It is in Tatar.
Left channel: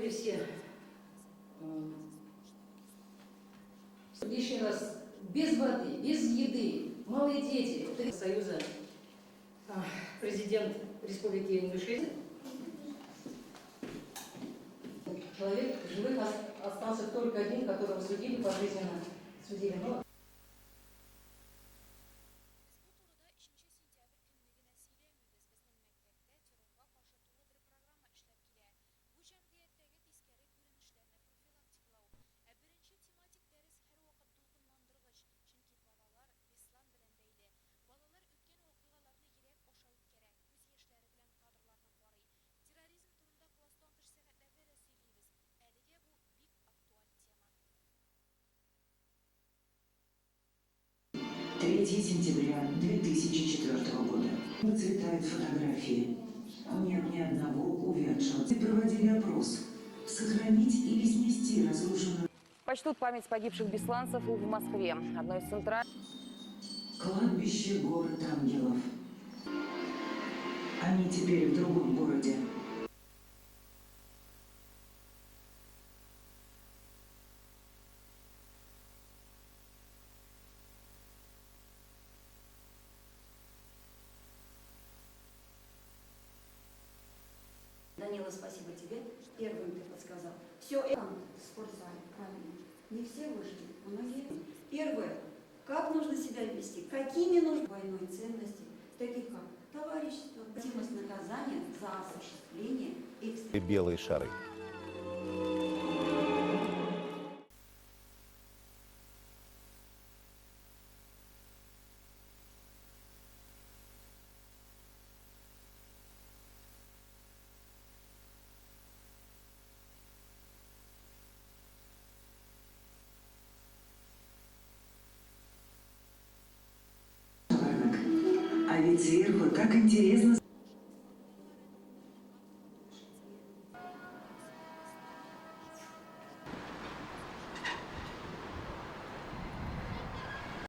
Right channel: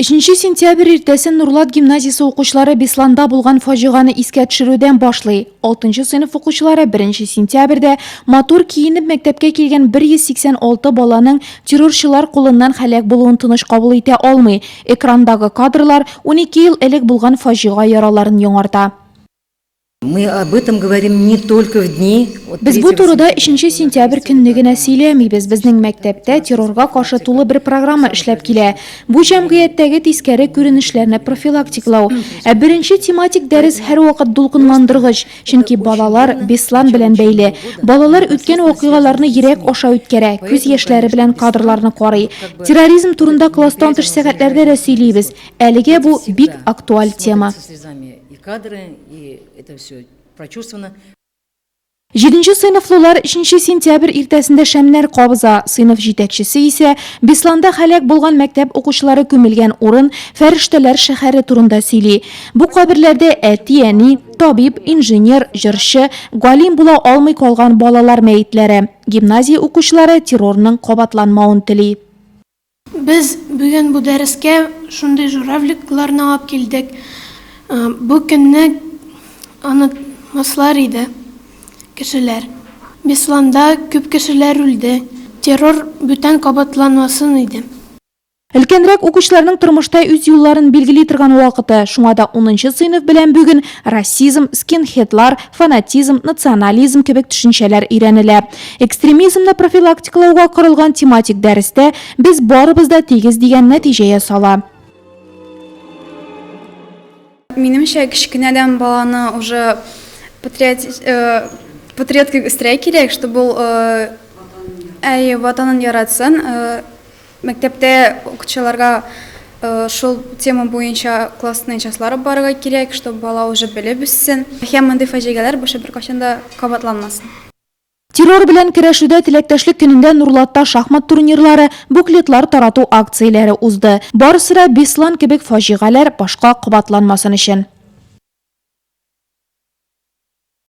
3 сентябрь иртәсен Нурлат гимназиясы укучылары Бесланда булган фаҗиганы искә төшерүдән башлый. 6 сыйныф укучылары 1 сентябрьдә матур киенеп мәктәпкә килгән 186 баланың террорчылар кулыннан һәлак булуын тыныч кабул итә алмый. Экрандагы кадрлар 12 ел элек булган фаҗига яраларын яңарта. Мы об этом говорим не только в дни. Без бу турыда 3 сентябрь көнне генә сөйләмибез. Безнең мәктәптә террорга каршы тулы бер программа эшләп килә. Бу җәмгыятьтәге тискәре күренешләрне профилактиклау. Ә беренче тематик дәрес һәрвакыт дулкынландыргыч, чөнки балалар Беслан белән бәйле. Балалар үткән вакыйгаларны йөрәк аша үткәрә, күз яшьләре белән кадрларны карый. Терроризм турында класстан тыш сәгатьләрдә дә сөйлибез. Әлегә бу бик актуаль тема. Это все прочувствовано. 7 сыйныфлылар 3 сентябрь иртәсендә шәмнәр кабыза. Сыйныф җитәкчесе исә Бесланда һәлак булган мәктәп укучылары күмелгән урын Фәрештәләр шәһәре турында сөйли. Бу каберләрдә әти, әни, табиб, инженер, җырчы, галим була алмый калган балалар мәетләре. Гимназия укучылары террорның кабатланмавын тели. Без бүген бу дәрескә шундый журавликларны алып килдек. Бу көнне анытмаслар иде кешеләр. Бесланда күп кешеләр үлде. Террор бүтән кабатланмасын иде. Өлкәнрәк укучыларның тормышта үз юлларын билгели торган вакыты. Шуңа да 10 сыйныф белән бүген расизм, скинхедлар, фанатизм, национализм кебек төшенчәләр өйрәнелә. Экстремизмны профилактикалауга корылган тематик дәрестә без барыбыз да тигез дигән нәтиҗә ясала. Минемчә, кечкенәдән баланы уже патриотка үстерә кирәк, чтобы ул ватанын яратсын. Мәктәптә укучыларга шул тема буенча классный часлары барырга кирәк, чтобы бала уже белеп үссен. Һәм мондый фаҗигалар башы беркайчан да кабатланмасын. Террор белән көрәшүдә теләктәшлек көнендә Нурлатта шахмат турнирлары, буклетлар тарату акцияләре узды. Барысы да Беслан кебек фаҗигалар башка кабатланмасын өчен.